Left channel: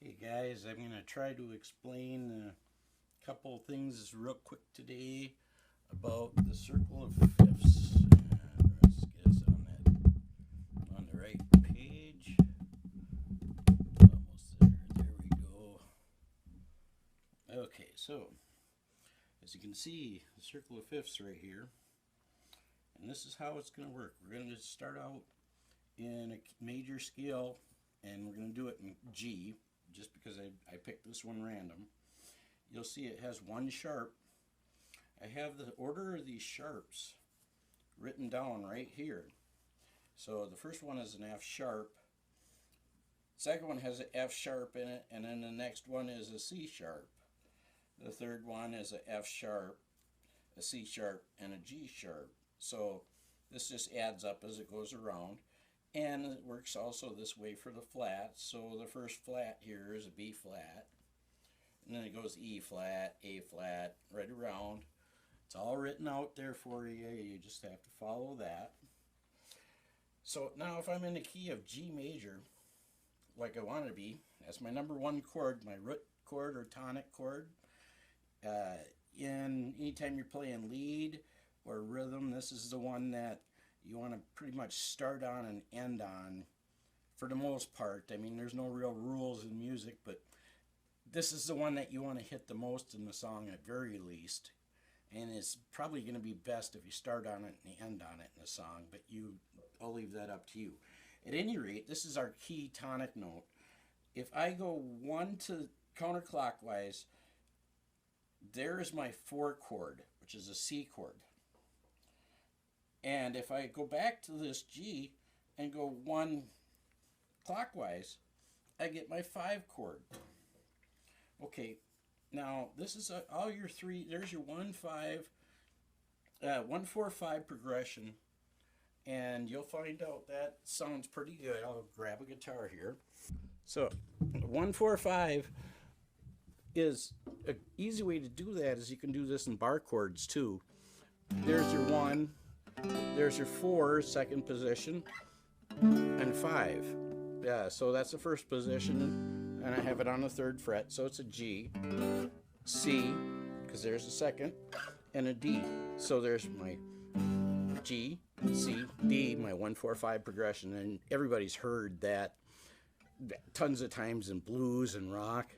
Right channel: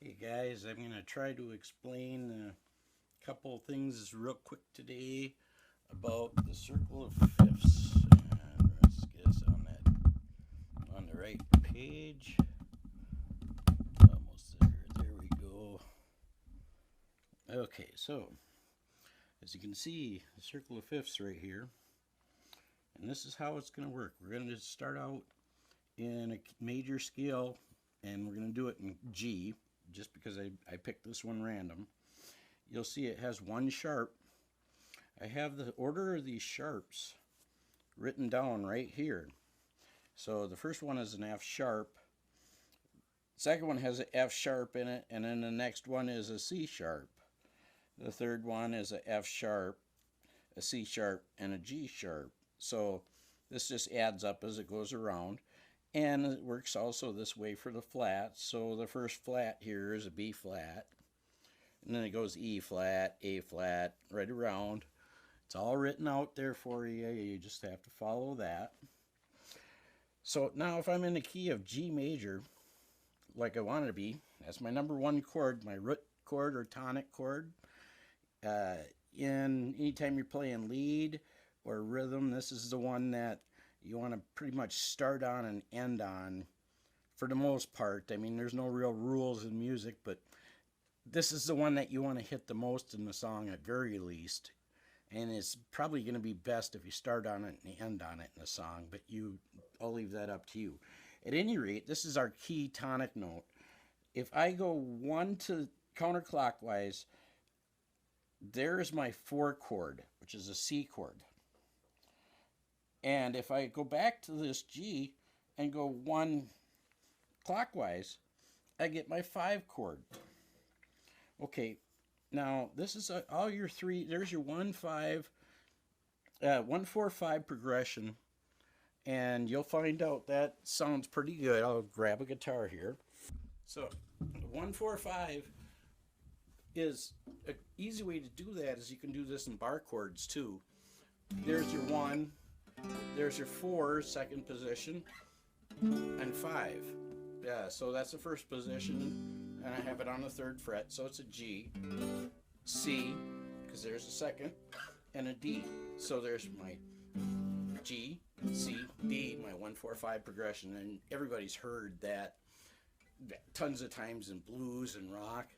Hey guys, I'm going to try to explain a couple things real quick today about the circle of fifths. And let's get us on the right page. Almost there. There we go. Okay, so as you can see, the circle of fifths right here. And this is how it's going to work. We're going to start out in a major scale, and we're going to do it in G, just because I picked this one random. You'll see it has one sharp. I have the order of these sharps written down right here. So the first one is an F sharp. Second one has an F sharp in it, and then the next one is a C sharp. The third one is a F sharp, a C sharp, and a G sharp. So this just adds up as it goes around. And it works also this way for the flats. So the first flat here is a B flat. And then it goes E flat, A flat, right around. It's all written out there for you. You just have to follow that. So now if I'm in the key of G major, like I want to be, that's my number one chord, my root chord or tonic chord. Anytime you're playing lead or rhythm, this is the one that you want to pretty much start on and end on for the most part. I mean, there's no real rules in music, but this is the one that you want to hit the most in the song at very least. And it's probably going to be best if you start on it and end on it in the song, but I'll leave that up to you. At any rate, this is our key tonic note. If I go one to counterclockwise, there's my 4 chord, which is a C chord. And if I go back to this G and go 1 clockwise, I get my 5 chord. Okay, now this is all your 3. There's your 1 4 5 progression, and you'll find out that sounds pretty good. I'll grab a guitar here. So 1 4 5 is an easy way to do that. Is you can do this in bar chords too. There's your 1. There's your 4, second position, and 5. Yeah, so that's the first position, and I have it on the 3rd fret, so it's a G, C, because there's a second, and a D. So there's my G, C, D, my 1 4 5 progression, and everybody's heard that tons of times in blues and rock.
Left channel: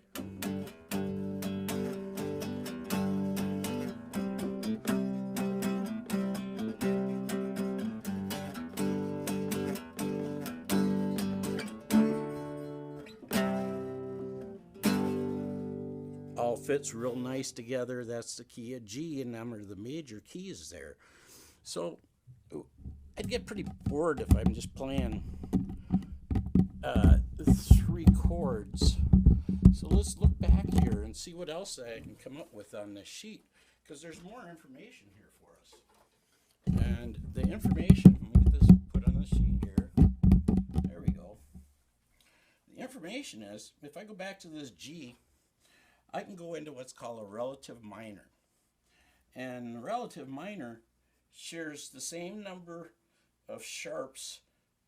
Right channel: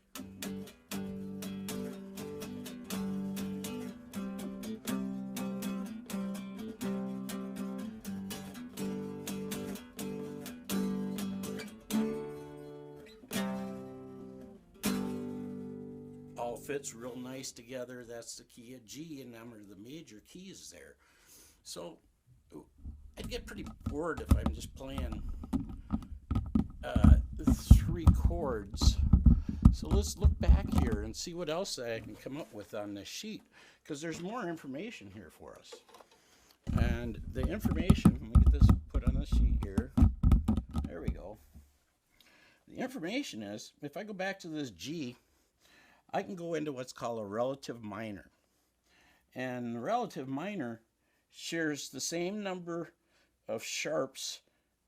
All fits real nice together. That's the key of G, and them are the major keys there. So I'd get pretty bored if I'm just playing 3 chords. So let's look back here and see what else I can come up with on this sheet, because there's more information here for us. And the information, let me get this put on the sheet here. There we go. The information is, if I go back to this G, I can go into what's called a relative minor. And the relative minor shares the same number of sharps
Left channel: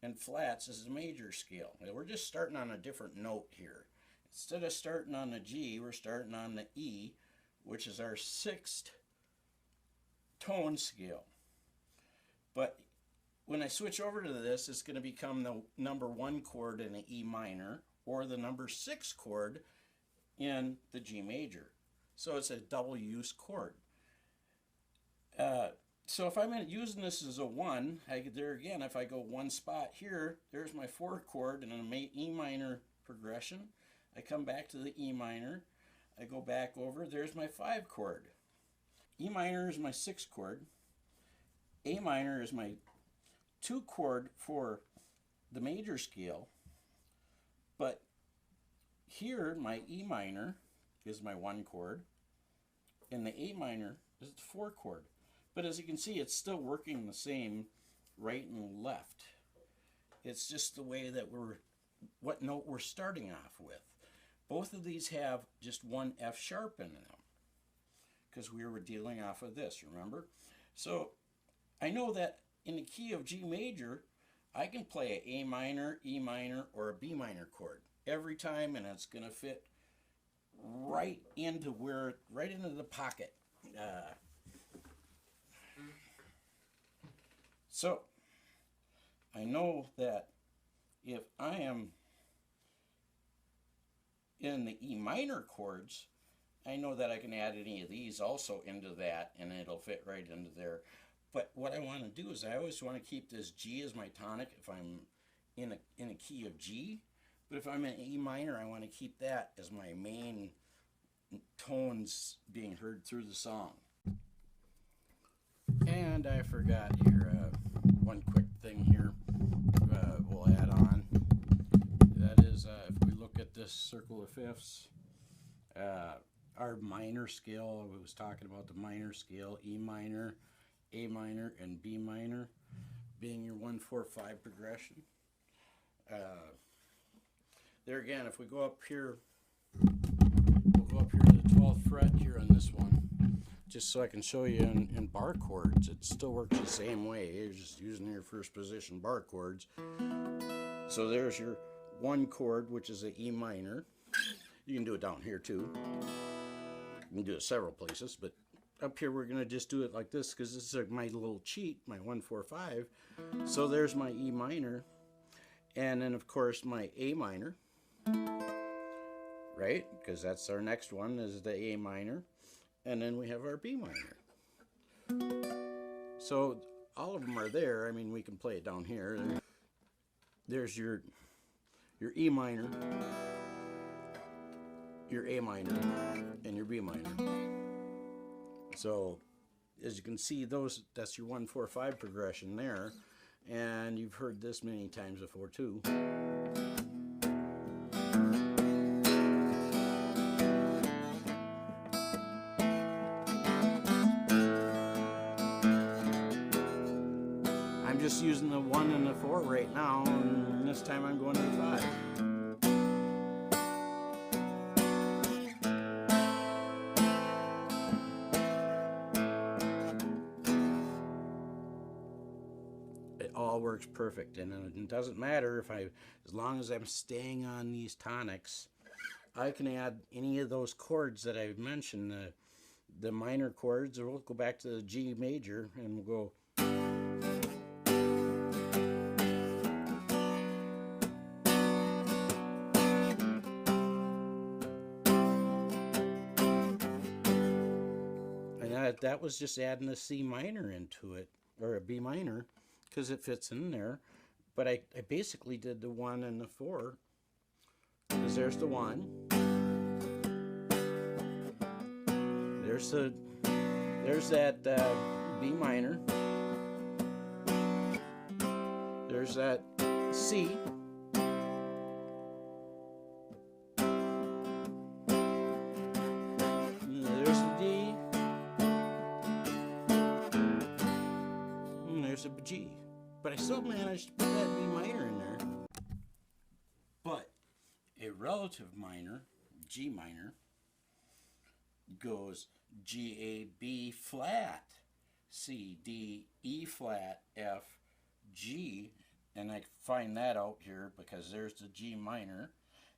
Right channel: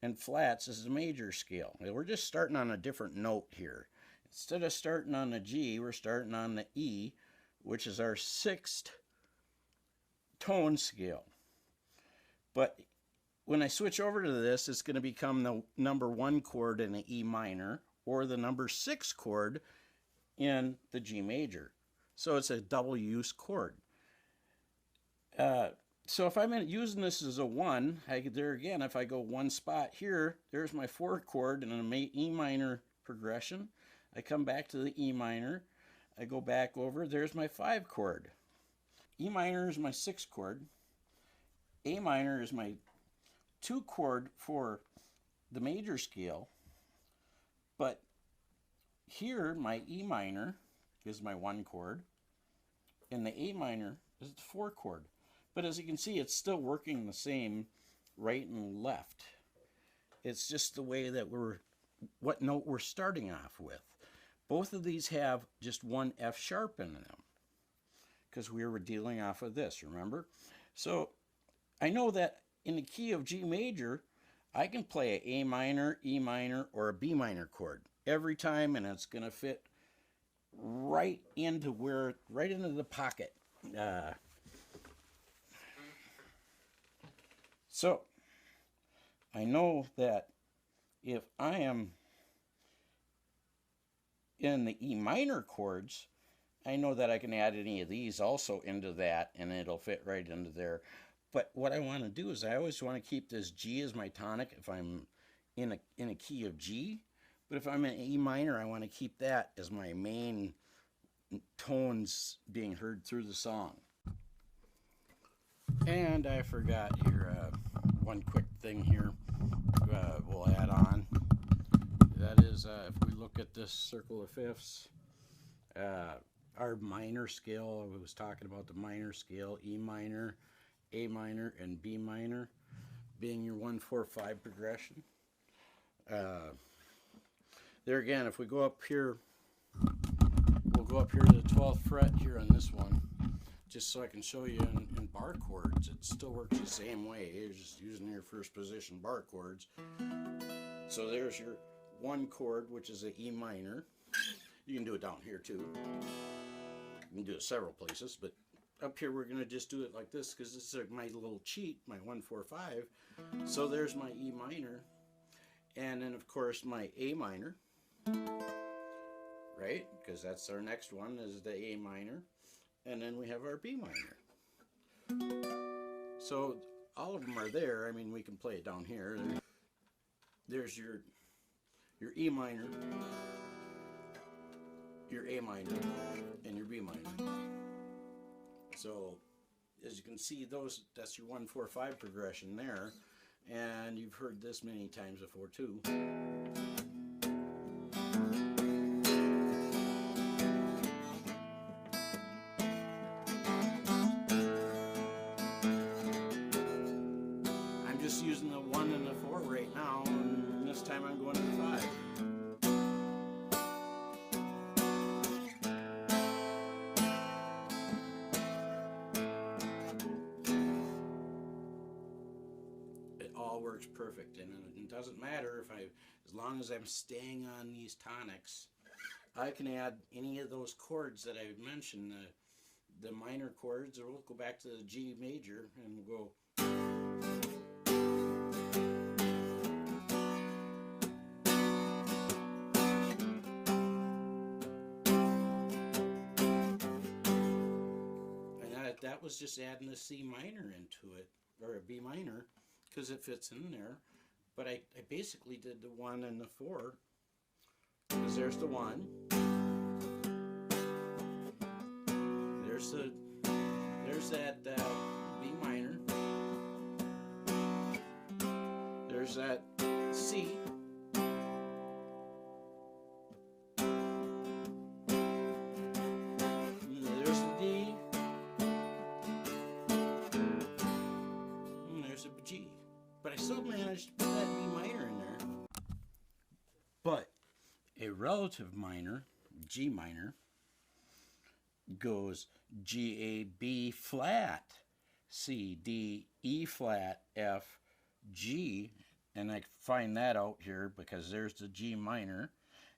and flats as the major scale. Now, we're just starting on a different note here. Instead of starting on the G, we're starting on the E, which is our 6th tone scale. But when I switch over to this, it's going to become the number 1 chord in the E minor, or the number 6 chord in the G major. So it's a double use chord. So if I'm using this as a 1, there again, if I go 1 spot here, there's my 4 chord in an E minor progression. I come back to the E minor. I go back over, there's my 5 chord. E minor is my 6 chord. A minor is my 2 chord for the major scale. But here, my E minor is my 1 chord, and the A minor is the 4 chord. But as you can see, it's still working the same right and left. It's just the way that what note we're starting off with. Both of these have just 1 F sharp in them, because we were dealing off of this, remember? So I know that in the key of G major, I can play an A minor, E minor, or a B minor chord. every time, and it's going to fit right into the pocket. So I know that if I am in the E minor chords, I know that I can add any of these also into that, and it'll fit right into there. But what I want to do is I always want to keep this G as my tonic if I'm in a key of G. But if I'm in E minor, I want to keep that as my main tones being heard through the song. And I forgot here, one quick thing here we'll add on. That is, if we look at this circle of fifths, our minor scale, I was talking about the minor scale, E minor, A minor, and B minor being your 1, 4, 5 progression. There again, if we go up here, we'll go up here to the 12th fret here on this one, just so I can show you in bar chords. It still works the same way. You're just using your first position bar chords. So there's your one chord, which is an E minor. You can do it down here too. You can do it several places, but up here we're going to just do it like this because this is my little cheat, my 1, 4, 5. So there's my E minor, and then of course my A minor, right? Because that's our next one, is the A minor, and then we have our B minor. So all of them are there. I mean, we can play it down here. There's your E minor, your A minor, and your B minor. So as you can see, that's your 1, 4, 5 progression there, and you've heard this many times before too. I'm just using the 1 and the 4 right now, and this time I'm going to the 5. All works perfect, and it doesn't matter if as long as I'm staying on these tonics, I can add any of those chords that I've mentioned, the minor chords, or we'll go back to the G major and we'll go. And that was just adding a C minor into it, or a B minor, because it fits in there. But I basically did the 1 and the 4, because there's the 1, there's that B minor, there's that C, there's the D, and there's a G. But I still managed to put that B minor in there. But a relative minor, G minor, goes G, A, B flat, C, D, E flat, F, G, and I find that out here because there's the G minor,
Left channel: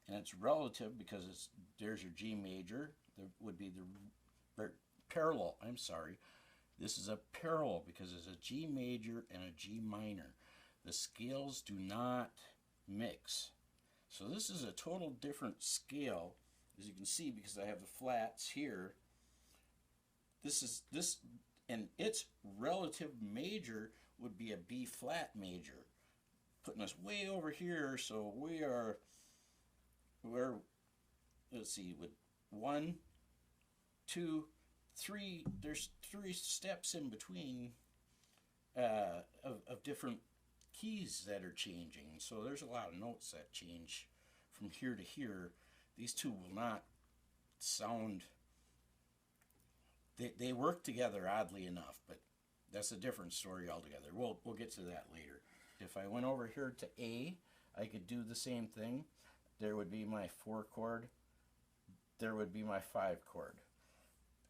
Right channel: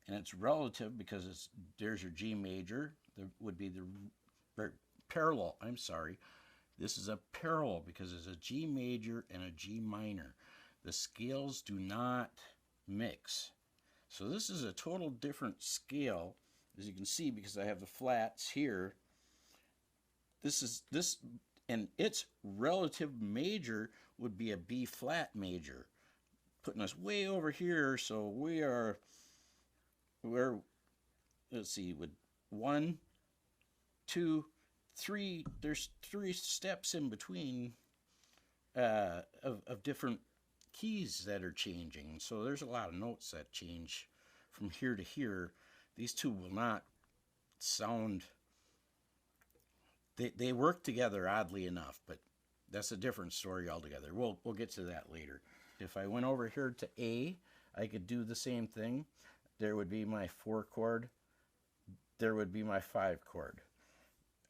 and it's relative because there's your G major. There would be the parallel. I'm sorry. This is a parallel because it's a G major and a G minor. The scales do not mix. So this is a total different scale, as you can see, because I have the flats here. And its relative major would be a B flat major, putting us way over here. So we're let's see, with 1, 2, 3, there's 3 steps in between of different keys that are changing. So there's a lot of notes that change from here to here. These two will not sound, they work together oddly enough, but that's a different story altogether. We'll get to that later. If I went over here to A, I could do the same thing. There would be my 4 chord, there would be my 5 chord.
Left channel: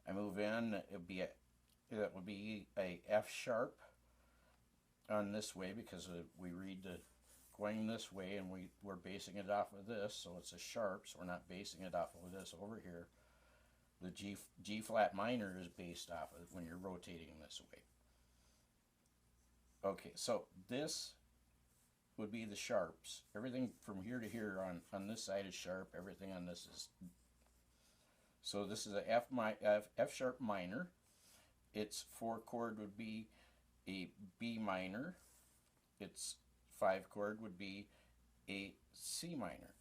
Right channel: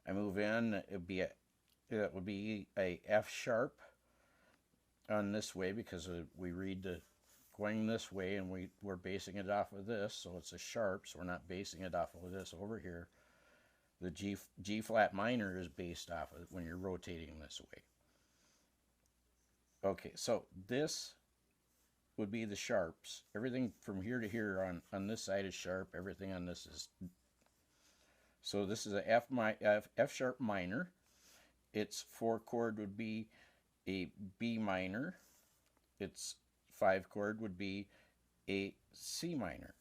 I move in, it would be a F sharp on this way because we read the going this way, and we're basing it off of this, so it's a sharp, so we're not basing it off of this over here. The G flat minor is based off of it when you're rotating this way. Okay, so this would be the sharps. Everything from here to here on this side is sharp. Everything on this is. So this is a F sharp minor. Its 4 chord would be a B minor. Its 5 chord would be a C minor.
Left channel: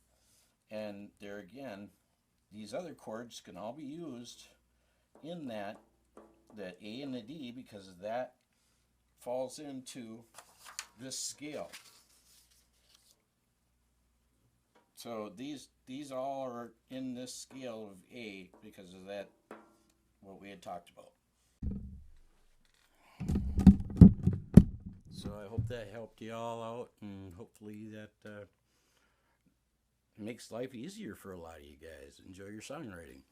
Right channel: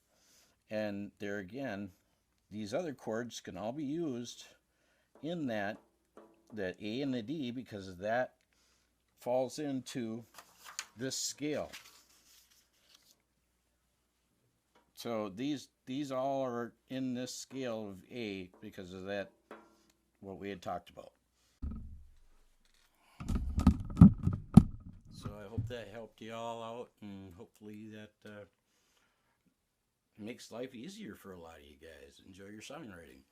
And there again, these other chords can all be used in that A and the D, because that falls into this scale. So these all are in this scale of A because of that, what we had talked about. So I hope that helped you all out, and hopefully that makes life easier for a lot of you guys. Enjoy your songwriting.